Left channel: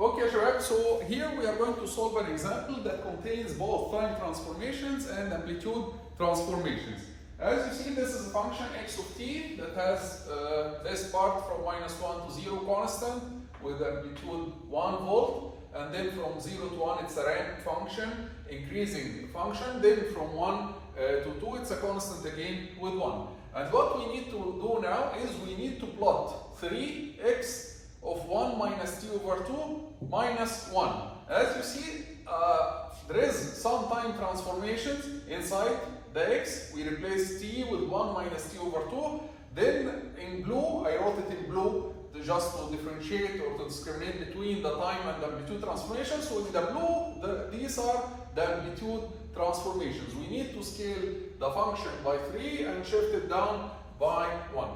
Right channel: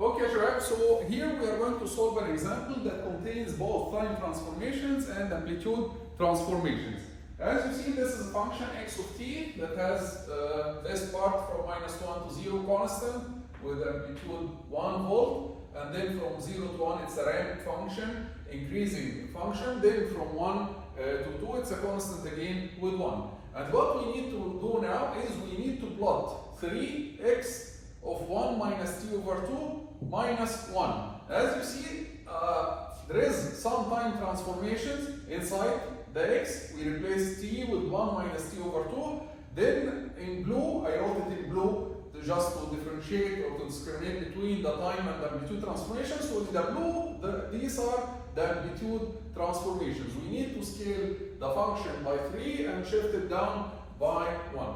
Okay, Shabab, so here we are going to solve an example that contains both time transformations and amplitude transformations. As you see, this is a function x of t that has this part from -1 to 0 constant with amplitude 1 volt, and then from 0 to 1 it's a ramp function, increasing function, then from 1 to 2 it's a constant again with 1. And what we need to do now is we need to plot 3x of 1 minus t over 2 minus 1. As you see, there is some time transformations inside the x. We replace t with 1 minus t over 2. Then in blue, I wrote it in blue just to differentiate or to discriminate between the time and the amplitude transformations. So in the blue, these are the amplitude transformations. We need to scale the function by 3 and shift it down by 1.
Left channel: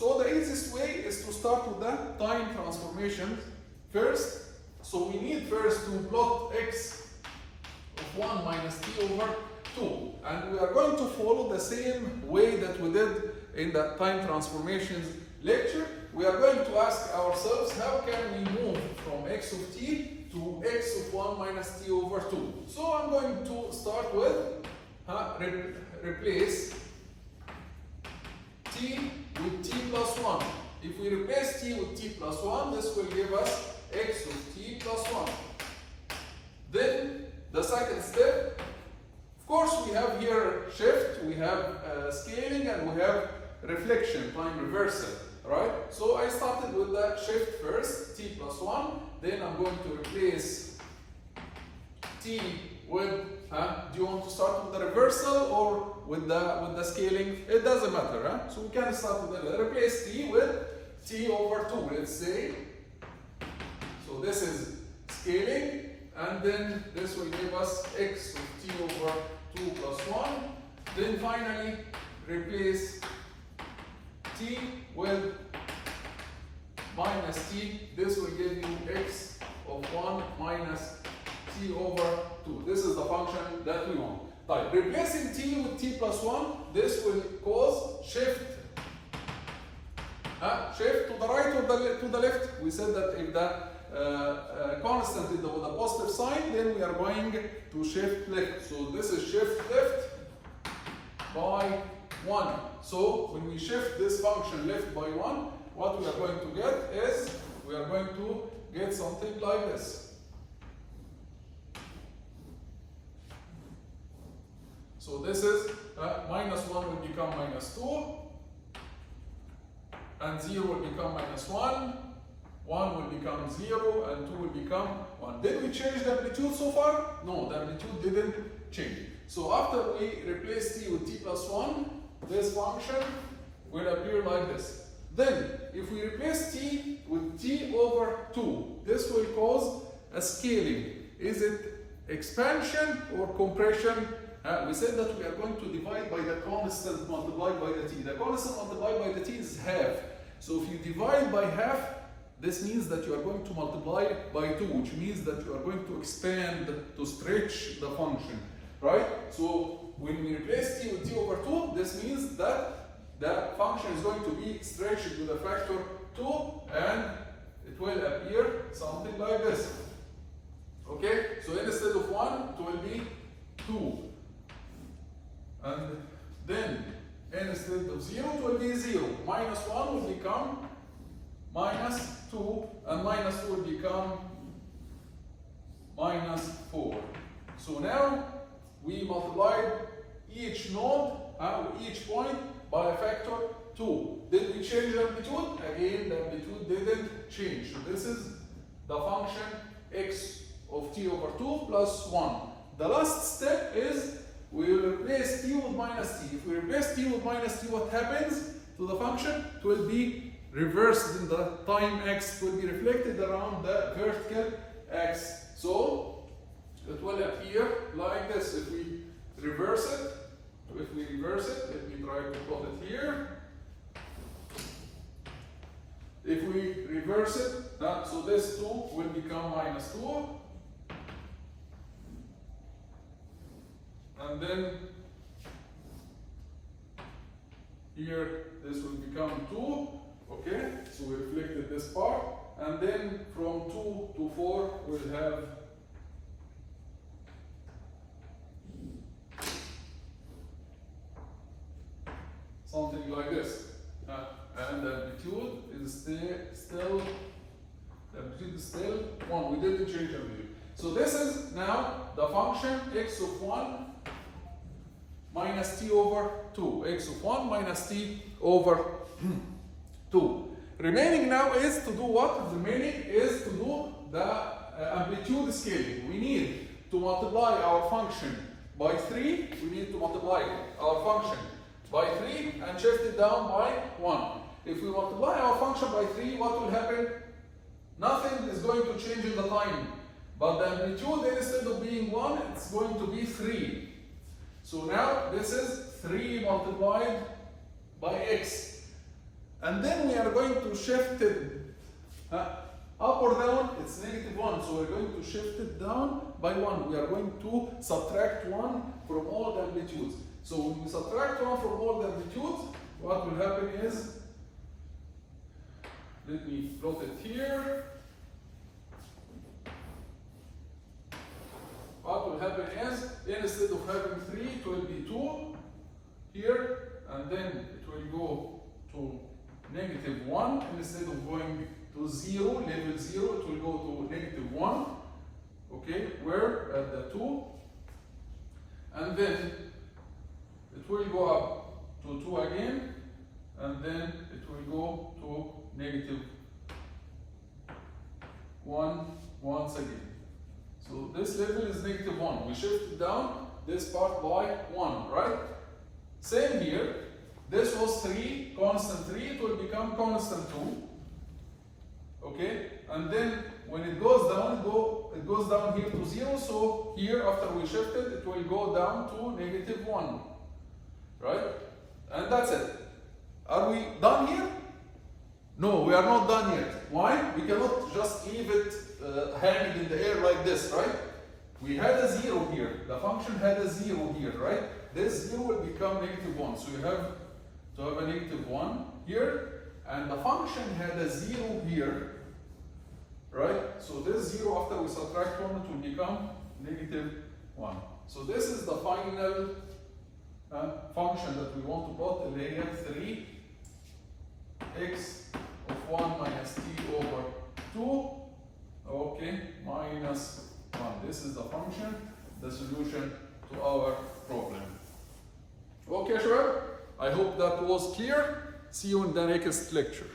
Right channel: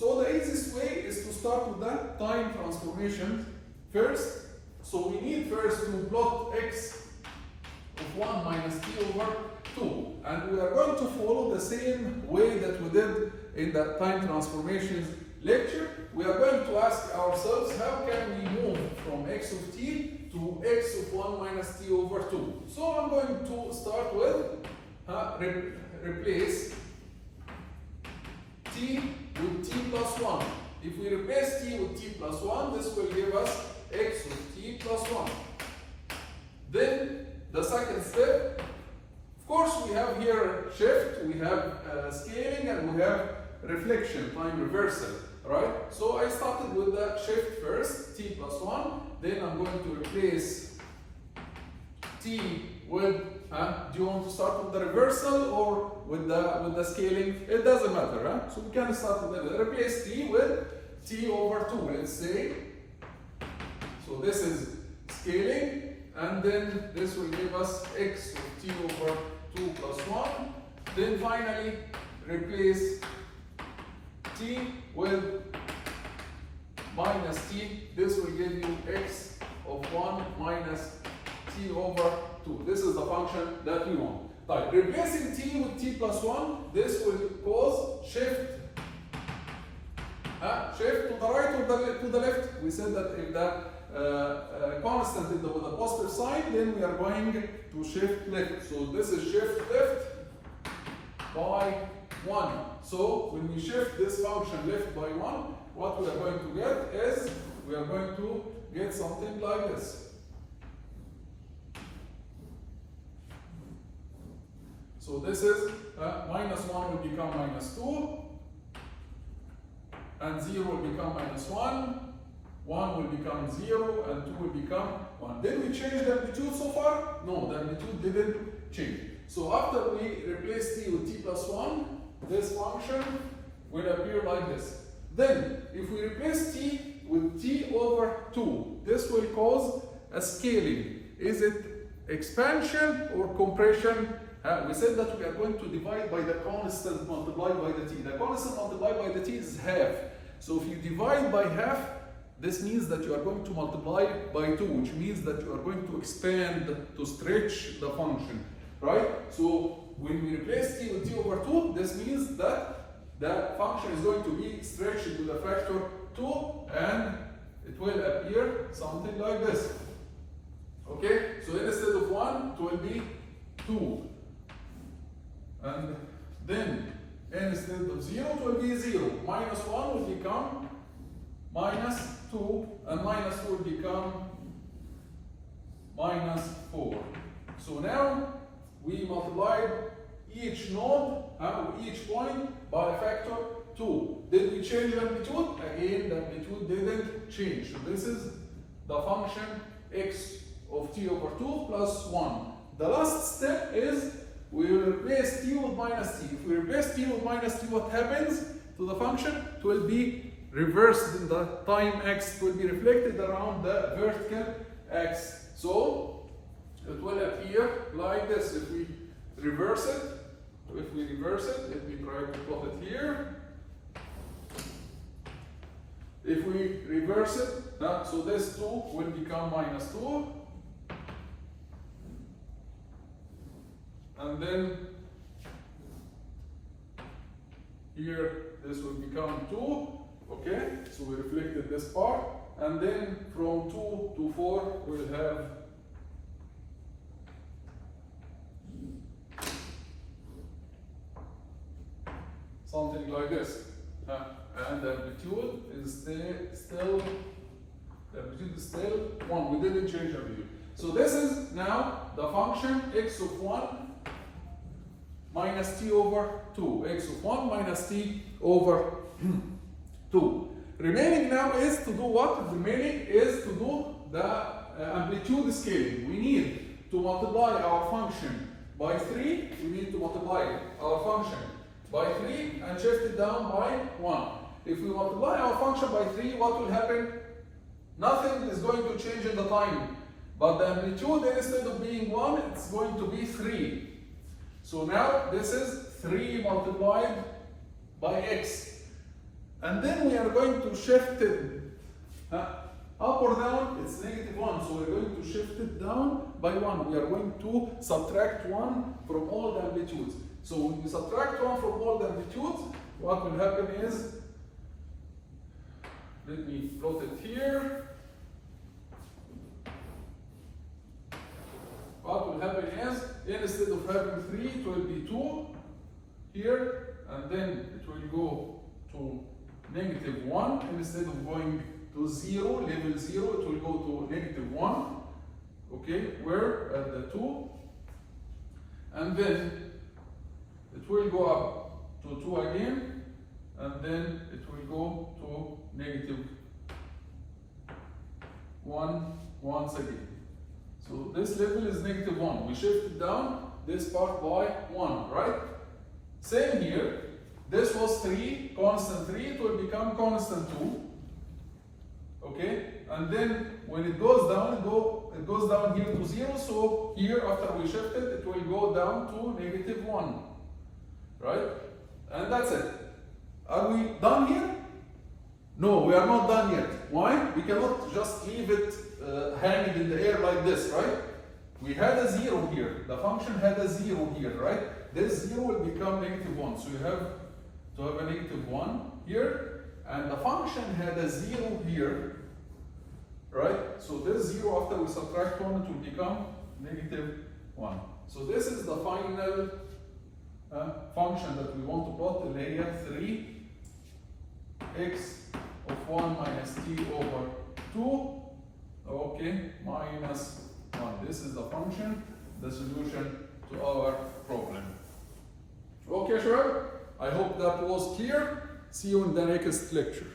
So the easiest way is to start with the time transformation first. So we need first to plot x of 1 minus t over 2. And we are going to follow the same way that we did in the time transformations lecture. We are going to ask ourselves, how can we move from x of t to x of 1 minus t over 2? So I'm going to start with replace t with t plus 1. If we replace t with t plus 1, this will give us x of t plus 1. Then the second step, of course, we have here shift, we have scaling, and we have reflection, time reversal, right? So I started with the shift first, t plus 1. Then I'm going to replace t with, do you want to start with the reversal or with the scaling? It doesn't matter, huh? So we can start with the replace t with t over 2, let's say. So this is scaling, and then this will give us x of t over 2 plus 1. Then finally replace t with minus t. This will give you x of 1 minus t over 2. This is the function that we want. Right. Replacing t with t plus 1, this will cause shift. Shift to the right or to the left. We said that if the constant is with a positive sign, then we are going to shift left. So this is shift left by 1. So when we shift this function left by 1, what we are going to get is, we are going to get something like this. So this is minus 1 will become minus 2, and 0 will become minus 1, 1 will become 0, and 2 will become 1. Did we change the amplitude so far? No, the amplitude didn't change. So after we replace t with t plus 1, this function will appear like this. Then, if we replace t with t over 2, this will cause a scaling. Is it expansion or compression? We said that we are going to divide by the constant multiplied by the t. The constant multiplied by the t is half. So if you divide by half, this means that you are going to multiply by 2, which means that you are going to expand, to stretch the function, right? So when we replace t with t over 2, this means that the function is going to be stretched to the factor 2, and it will appear something like this. Okay, so instead of 1, it will be 2. And then instead of 0, it will be 0. Minus 1 will become minus 2, and minus 2 will become minus 4. So now we multiplied each node, each point by a factor 2. Did we change the amplitude? Again, the amplitude didn't change. So this is the function x of t over 2 plus 1. The last step is we will replace t with minus t. If we replace t with minus t, what happens to the function? It will be reversed in the time x. It will be reflected around the vertical x. So it will appear like this. If we reverse it, let me try to plot it here. If we reverse it, so this 2 will become minus 2. And then here this will become 2. Okay, so we reflected this part. and then from 2 to 4 we'll have something like this. And the amplitude is still 1. We didn't change amplitude. So this is now the function x of 1 minus t over 2. X of 1 minus t over 2. Remaining now is to do what? Remaining is to do the amplitude scaling. We need to multiply our function by 3. We need to multiply our function by 3 and shift it down by 1. If we multiply our function by 3, what will happen? Nothing is going to change in the time. But the amplitude, instead of being 1, it's going to be 3. So now this is 3 multiplied by x. And then we are going to shift it up or down, it's -1. So we're going to shift it down by 1. We are going to subtract 1 from all the amplitudes. So when we subtract 1 from all the amplitudes, what will happen is, let me plot it here. What will happen is, instead of having 3, it will be 2 here, and then it will go to -1. Instead of going to 0, level 0, it will go to -1. Okay, we're at the 2. And then it will go up to 2 again, and then it will go to -1 once again. So this level is -1. We shift it down this part by 1, right? Same here. This was 3, constant 3, it will become constant 2. Okay? And then when it goes down, it goes down here to 0. So here, after we shift it, it will go down to -1. Right? And that's it. Are we done here? No, we are not done yet. Why? We cannot just leave it hanging in the air like this, right? We had a 0 here. The function had a 0 here, right? This 0 will become -1. So you have to have a -1 here. And the function had a 0 here, right? So this 0, after we subtract 1, it will become -1. So this is the final function that we want to plot, layer 3x of 1 minus t over 2, okay, minus 1. This is the function, the solution to our problem. Okay, sure. I hope that was clear. See you in the next lecture.